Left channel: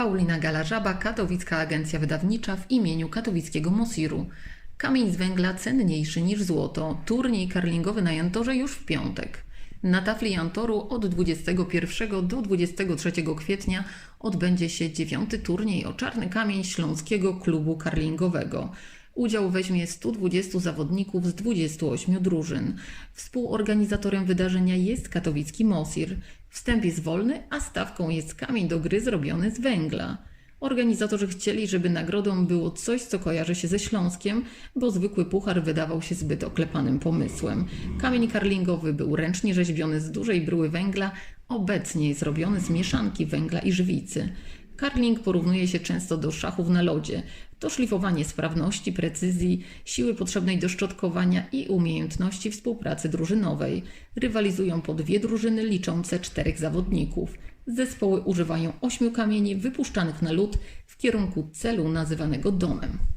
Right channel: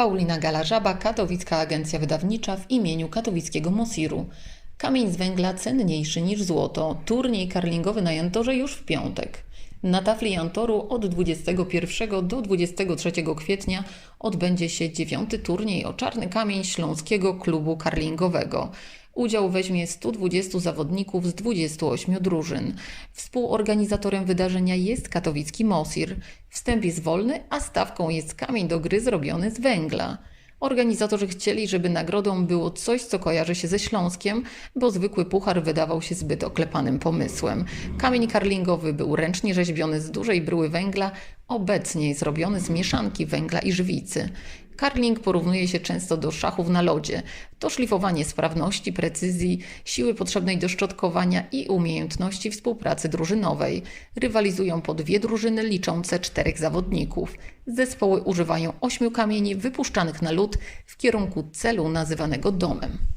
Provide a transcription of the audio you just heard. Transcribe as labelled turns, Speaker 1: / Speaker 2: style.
Speaker 1: Paulina Galażaba, Katowicka Agencja Wydawnicza w imieniu katowickiego Mosiru. Kamień z węgla cenniejszy niż złoto. Turniej karlingowy na Jantorze już w piątek. Na tafli Jantoru od 21 do 23 kwietnia odbędzie się dziewiąty turniej o czarny kamień Śląskiego Klubu Karlingowego. Udział weźmie 120 zawodników z 28 drużyn. Współorganizatorem wydarzenia jest katowicki Mosir. Wstęp jest wolny, a stawką jest kamień do gry zrobiony z węgla. Organizatorzy chcieli, żeby nagrodą było coś, co kojarzy się ze Śląskiem, bo zwykły puchar wydawał się zbyt oklepanym pomysłem. Kamień karlingowy był ręcznie rzeźbiony z dużej bryły węgla, obecnie jest robiony z mieszanki węgla i żwicy. Karling porównuje się często do szachów na lodzie. To szlifowanie sprawności, precyzji, siły potrzebnej do szczotkowania i umiejętności współpracy drużynowej. Rywalizują po dwie drużyny liczące czterech zawodników. Zespoły używają ośmiu kamieni wypuszczanych na lód w kierunku celu nazywanego domem.